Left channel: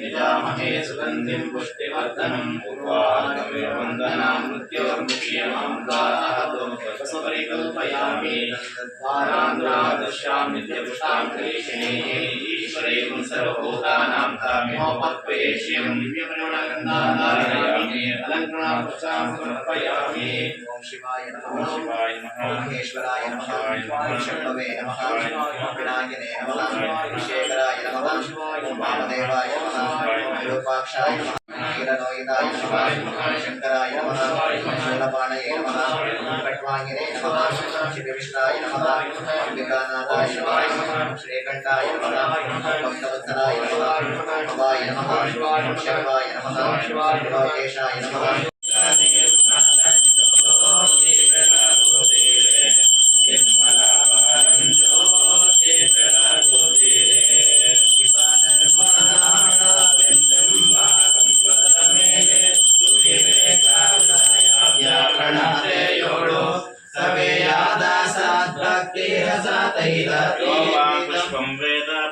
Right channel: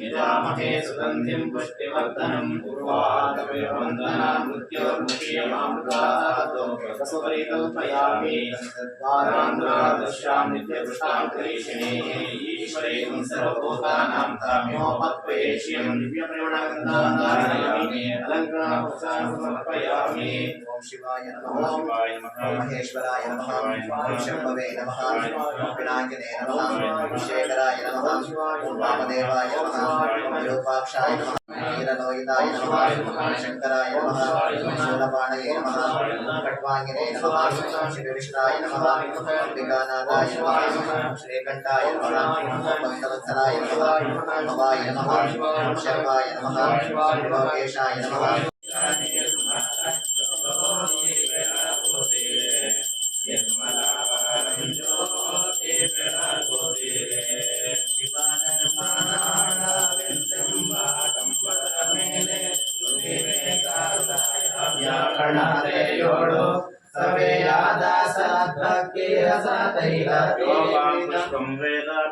यजामहे सुगन्धिं पुष्टिवर्धनम् उर्वारुकमिवन्दनान् मृत्योर्मुक्षीयमामृतात् वसुपरिकल्पयामि द्वारान्ध्रादश्यां नित्यपुष्टां करिष्ये ईश्वरे सर्वभूतानां ताम्योपत्पयेष्यं दिव्यपरिमलगन्धाधारयामि अलङ्कृतां समर्पयामि। ओम शिवाय नमः। महेश्वराय नमः। शम्भवे नमः। पिनाकिने नमः। शेखराय नमः। वामदेवाय नमः। विरूपाक्षाय नमः। वीरलोहिताय नमः। शंकराय नमः। शूलपाणये नमः। खट्वांगिने नमः। शिवविष्टाय नमः। अंबिकानाथाय नमः। श्रीकंठाय नमः। भक्तवत्सलाय नमः। भवाय नमः। शर्वाय नमः। लोकेशाय नमः।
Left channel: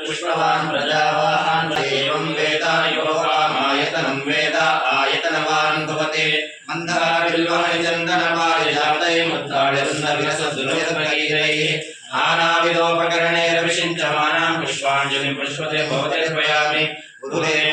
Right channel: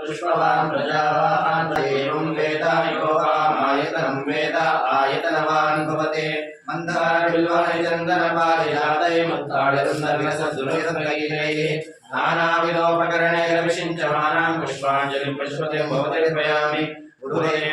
पुष्पवान् प्रजावान् देवं वेद यो आयतनं वेद आयतनवान् भवते मन्दारबिल्वाय चन्दनपारिजातै मुद्राळिरुन्नविलसद्दुरैः नानाविधोपकरणैरभिषिञ्चमानां पुष्पाञ्जलिं पुष्पते भवते अर्पयामि। गुरुदेव